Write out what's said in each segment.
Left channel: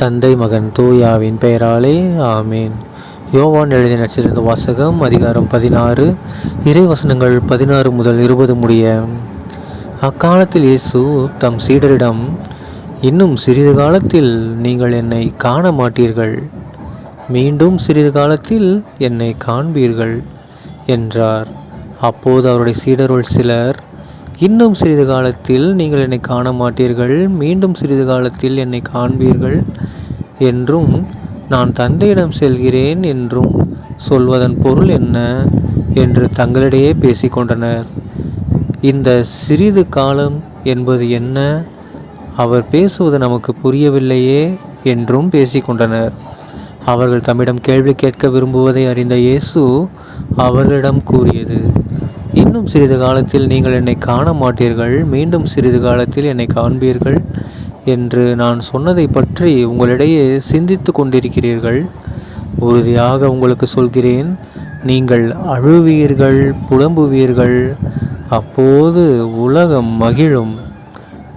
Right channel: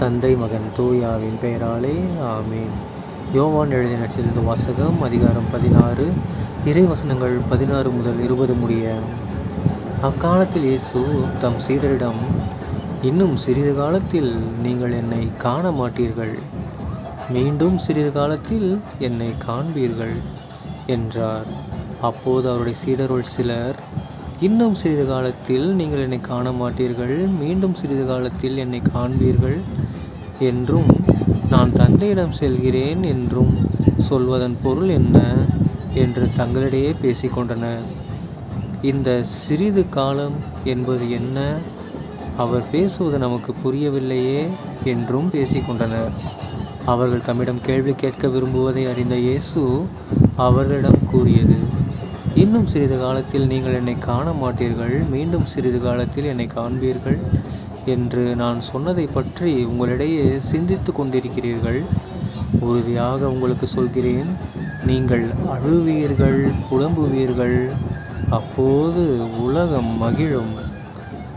தந்தை மகன் தூயாவின் பெயராலே ஆமேன். யோவான் எழுதிய நடிச்சிருந்த வாசகம் அதிகாரம் பதினாறு இறைவசனங்கள் பதினாறு முதல் இருபது முடிய. அக்காலத்தில் இயேசு தம் சீடரிடம் இன்னும் சிறிது காலத்தில் நீங்கள் என்னை காண மாட்டீர்கள் மீண்டும் சிறிது காலத்தில் என்னை காண்பீர்கள் என்றார். அப்போது அவருடைய சீடருள் சிலர் இன்னும் சிறிது காலத்தில் நீங்கள் என்னை காண மாட்டீர்கள். மீண்டும் சிறிது காலத்தில் என்னை காண்பீர்கள் என்றும் நான் தந்தையிடம் செல்கிறேன் என்றும் சொல்வதன் பொருள் என்ன என்று தங்களிடையே பேசிக்கொண்டனர் இந்த சிறிது காலம் என்பது என்ன? அவர் பேசுவது நமக்கு புரியவில்லையே என்றும் பேசிக்கொண்டனர் அவர்கள் தம்மிடம் கேள்வி கேட்க விரும்புவதை அறிந்த இயேசு அவர்களிடம் கூறியது இன்னும் சிறிது காலத்தில் நீங்கள் என்னை காண மாட்டீர்கள் மீண்டும் சிறிது காலத்தில் என்னை காண்பீர்கள் என்று நான் சொன்னதை பற்றி உங்களிடையே சிந்தித்து கொண்டிருக்கிறீர்கள். உறுதியாக உங்களுக்கு சொல்கிறேன் நீங்கள் அழுவீர்கள் புலம்புவீர்கள் அப்போது உலகம் மகிழும்.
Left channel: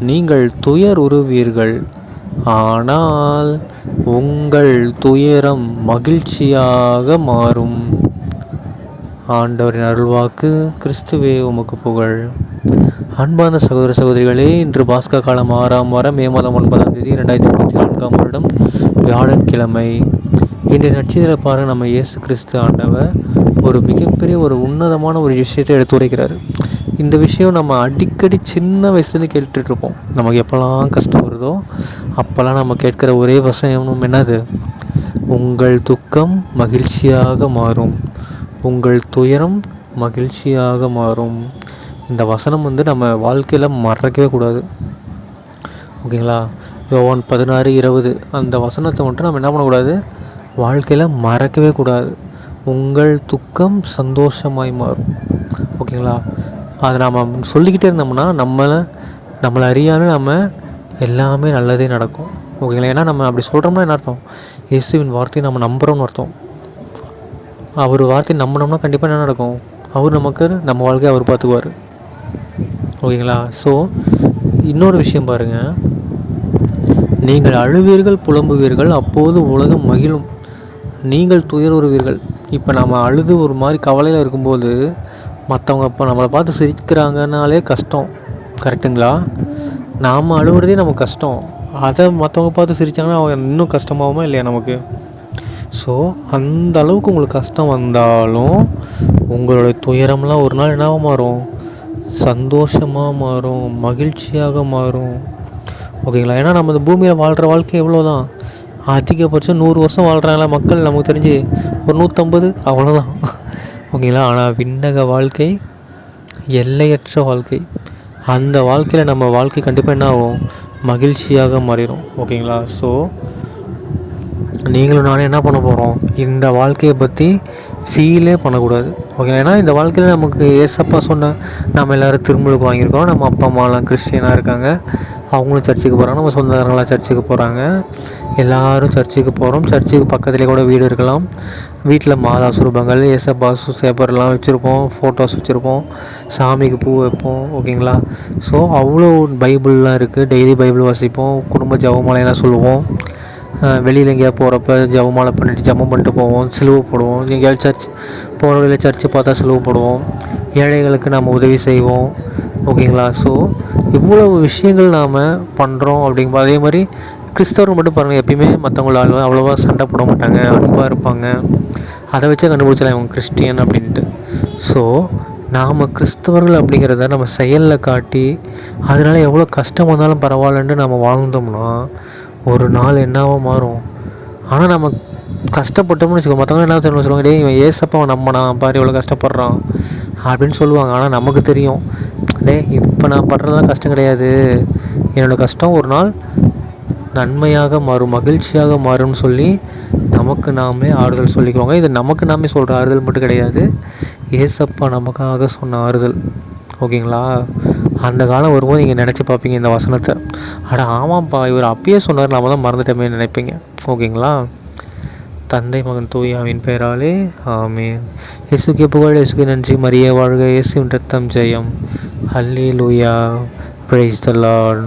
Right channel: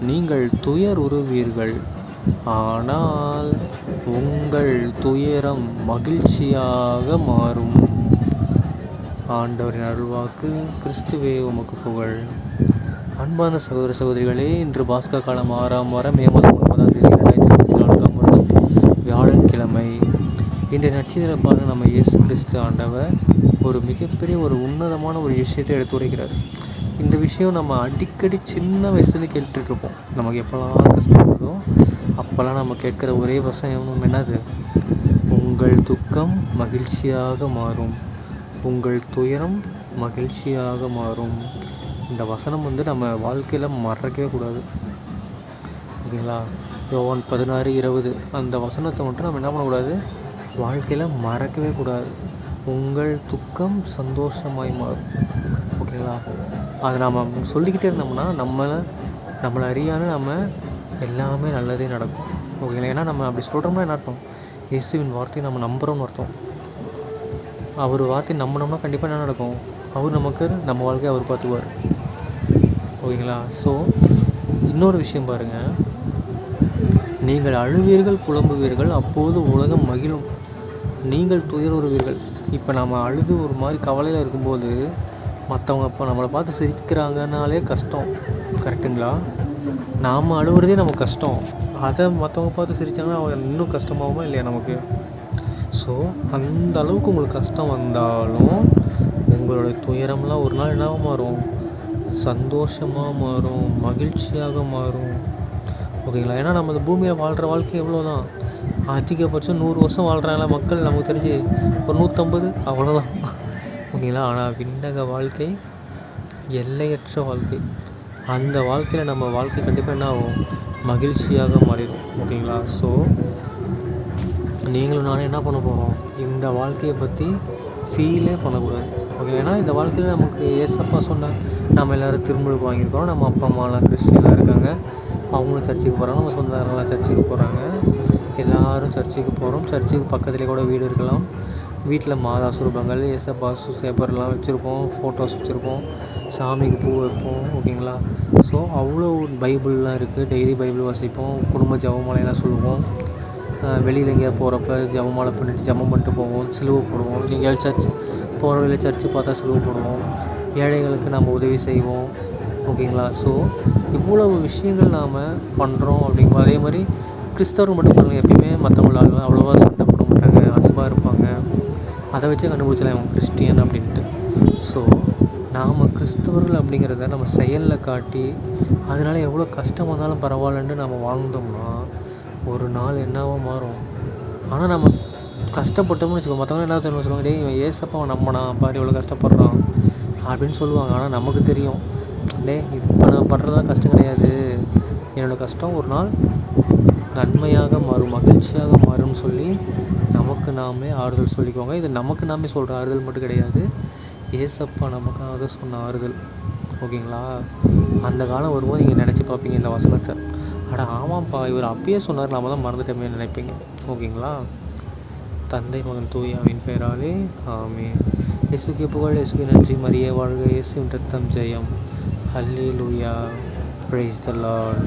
நீங்கள் துயர் உருவீர்கள் ஆனால் உங்கள் துயரம் மகிழ்ச்சியாக மாறும். ஆண்டவரின் அருள்வாக்கு கிறிஸ்துவே உமக்கு புகழ். அன்பான சகோதர சகோதரிகளே இன்று பாஸ்கா காலம் ஆறாம் வாரம் மே மாதம் ஒன்பதாம் தேதி இரண்டாயிரத்தி இருபத்தி நான்காம் வருடம் வியாழக்கிழமை இன்றைய நட்சத்திர பாருங்க நம்ம இயேசு கிறிஸ்து ஆண்டவர் ஒரு மிகப்பெரிய ஒரு உன்னதமான ஒரு விஷயத்தை எடுத்துரைக்கிறார் இந்த விஷயம் நம்ம அடிக்கடி சின்ன வயசுலேருந்து கேட்டுட்ருப்போம் நமக்கு எப்போல்லாம் கஷ்டம் வருதோ அப்போல்லாம் நம்ம கேட்குற ஒரே வசனம் என்னது? உங்கள் துக்கம் மகிழ்ச்சியாக மாறும். உங்கள் துயரம் மகிழ்ச்சியாக மாறும். இந்த வசனம் வந்து நம்ம வாழ்க்கையில் மறக்கவே கூடாது. ஓகேங்களா? யோவான் பதினாறு இருபது. அந்த வசனத்தை மட்டும் நம்ம என்ன பண்ணக்கூடாது? வாழ்க்கையில் மறக்கவே கூடாது. உங்கள் துக்கம் சந்தோஷமாய் மாறும். ஓகேங்களா? அதை நாம் சொல்லிக்கிட்டே இருந்தோம்னா நம்மளை நம்மளை அறியாமல் நம்ம எல்லாமே நல்லதே நடக்கும். ஓகேங்களா? ஏன்னா நம்ம அப்படி சொல்கிறோம்னா என்ன அர்த்தம்? இயேசுவின் வார்த்தையை நம்ம நம்புகிறோம்னு அர்த்தம். அவர் வார்த்தை நம்பினோம்னா கண்டிப்பாக என்ன நடக்கும்? அவர் நமக்கு நம்ம வாழ்க்கையை அவர் பார்த்துக்குவார். ஓகேங்களா? ஸோ இன்னொரு விஷயம் பாருங்கள் நீங்கள் அழுவீர்கள் புலம்புவீர்கள் அப்போது உலகம் மகிழும். நீங்கள் துயர் உருவீர்கள் இப்போ நம்ம அழுது ஒரு மாதிரி கவலையில் இருக்கும்போது மற்றவங்க இப்போ நம்மளை பார்த்து சிரிக்கிறாங்கனாலே கஷ்டம். கரெக்டுங்களா நாம் அழுகிறதே நமக்கு கஷ்டம். அதை மற்றவங்க பார்த்து சிரித்தாங்கன்னா அவங்க இன்னும் கஷ்டமாகுமா இல்லையா நமக்கு? ஸோ அந்த அளவுக்கு உங்களுக்கு கஷ்டம் வந்தாலும் உங்களுடைய துயரம்லாம் ஒரு நாள் என்னவாக மாறும்? சந்தோஷமாக மாறும் மகிழ்ச்சியாக மாறும். ஓகேங்களா? ஏன்னா நம்ம இந்த பூமியில் வாழ்கிற வாழ்க்கை எவ்வளோ தான் அதிகபட்சம் நூறு வருஷம் வாழ்கிறாங்களா மக்கள்? நமக்கு தெரிஞ்சு ஒரு நூற்றம்பது அவ்வளோதான் ஓகேங்களா? ஆனால் விண்ணக வாழ்க்கை எல்லையற்ற வாழ்க்கை. அந்த வாழ்க்கையில் நம்ம வாழ்க்கை கண்டிப்பாக என்ன ஆகும்? மகிழ்ச்சியாக மாறிடும். ஓகேங்களா? ஸோ நீங்களும் நானும் என்ன பண்ண போகிறோம் இந்த வாழ்க்கையை பற்றி ஃபீலே பண்ணக்கூடாது. ஓகே ஏன்னா இந்த வாழ்க்கையில் நமக்கு ஏசப்பா சொன்ன நம்ம எல்லோரும் திருமலுக்கு வாங்கியிருக்கோம். நம்ம அப்பா அம்மாலாம் கிறிஸ்டியனாக இருக்காங்க. அவங்களும் சர்ச்சுக்கு போகிறாங்க நம்ம சொந்தக்காரங்களாம் சர்ச்சுக்கு போகிறாங்க எல்லோரும் சர்ச்சுக்கு போகிறோம் சர்ச்சுக்கு பக்கத்துலேயே கூட வீடு இருக்கலாம். வீட்டில் மாதா சுரூபங்கள் ஏசப்பா சேப்பர்லாம் வச்சுருப்போம் ஃபோட்டோஸ் வச்சுருப்போம் சாமிக்கு பூ வைப்போம். ஓகேங்களா ஸோ அவ்வளோ பைபிள்லாம் இருக்குது டெய்லி பைபிள் வாசிப்போம். குடும்ப ஜவமலையெல்லாம் சொல்லுவோம். வெளியில் எங்கேயா போகிறப்ப ஜபமாலை பண்ணிட்டு ஜபம் பண்ணிட்டு போவோம் சிலுவை போடுவோம். எங்கேயாவது சர்ச் போகிற வழியில் சர்ச்சு பார்த்தா சிலுவை போடுவோம். ஏழைகளுக்கு நம்ம உதவி செய்வோம். ஓகேங்களா ஸோ இவ்வளவு விஷயங்கள் நாம் பண்ணுறோம் அப்படிங்கும்போது அதே மாதிரி கிறிஸ்தவர்கள் மட்டும் பாருங்கள் எப்பயுமே மற்றவங்களால அவ்வளோவா சண்டை போட மாட்டாங்க அன்பாக இருப்பாங்க. அதை வச்சே கண்டுபிடிச்சலாம் இவங்க கிறிஸ்டியன் அப்படின்ட்டு. ஸோ நாம் கிறிஸ்தவர்கள் அப்படிங்கிறத நம்ம செயலில் காட்டி அதனால் எவ்வளோ கஷ்டம் வந்தாலும் பரவாயில்லன்ட்டு நம்ம வாழ்ந்தோம்னா ஒரு நாள் என்னவோ மாறும். ஆனால் நம்ம கஷ்டப்பட்டோம்னு வச்சுக்கோ மற்றவங்க என்ன தெரியும் சொல்லுவாங்க? டே இவன் ஏசப்பா நம்பினா பாரு இவ்வளோ கஷ்டப்படுறான். அப்படின்னு சொல்லுவாங்க. ஆனால் நமக்கு தெரியும். டே இப்போ நான் படுறதெல்லாம் கஷ்டம் கிடையாது. என்னோடய கஷ்டம் ஒரு நாள் நன்மையாக மாறும் மகிழ்ச்சியாக மாறும்னு சொல்லி நமக்கு நாமே ஆறுதல் சொல்லிக்குவாங்க. இது நமக்கு நாமே சொல்கிற ஆறுதல் மட்டும் கிடையாது. ஏசப்பா நமக்காக சொன்ன ஆறுதல். ஓகேங்களா? அந்த காலம் வரும்போது நீங்கள் நினச்சி பார்ப்பீங்க இந்த வசனத்தை. அட ஆமாம்ப்பா இவர் அப்பயே சொன்னார் நாம தான் மறந்துட்டோமே நினைப்பீங்க. ஓகேங்களா? தந்தை மகன் தூயாவின் பெயராலே ஆமே இயேசுக்கு புகழ் இயேசுக்கு நன்றி. மரிய வாழ்க இயேசுவின் ரத்தம் ஜெயம். ஹல்லி லூயா பிரைஸ் த லார்ட்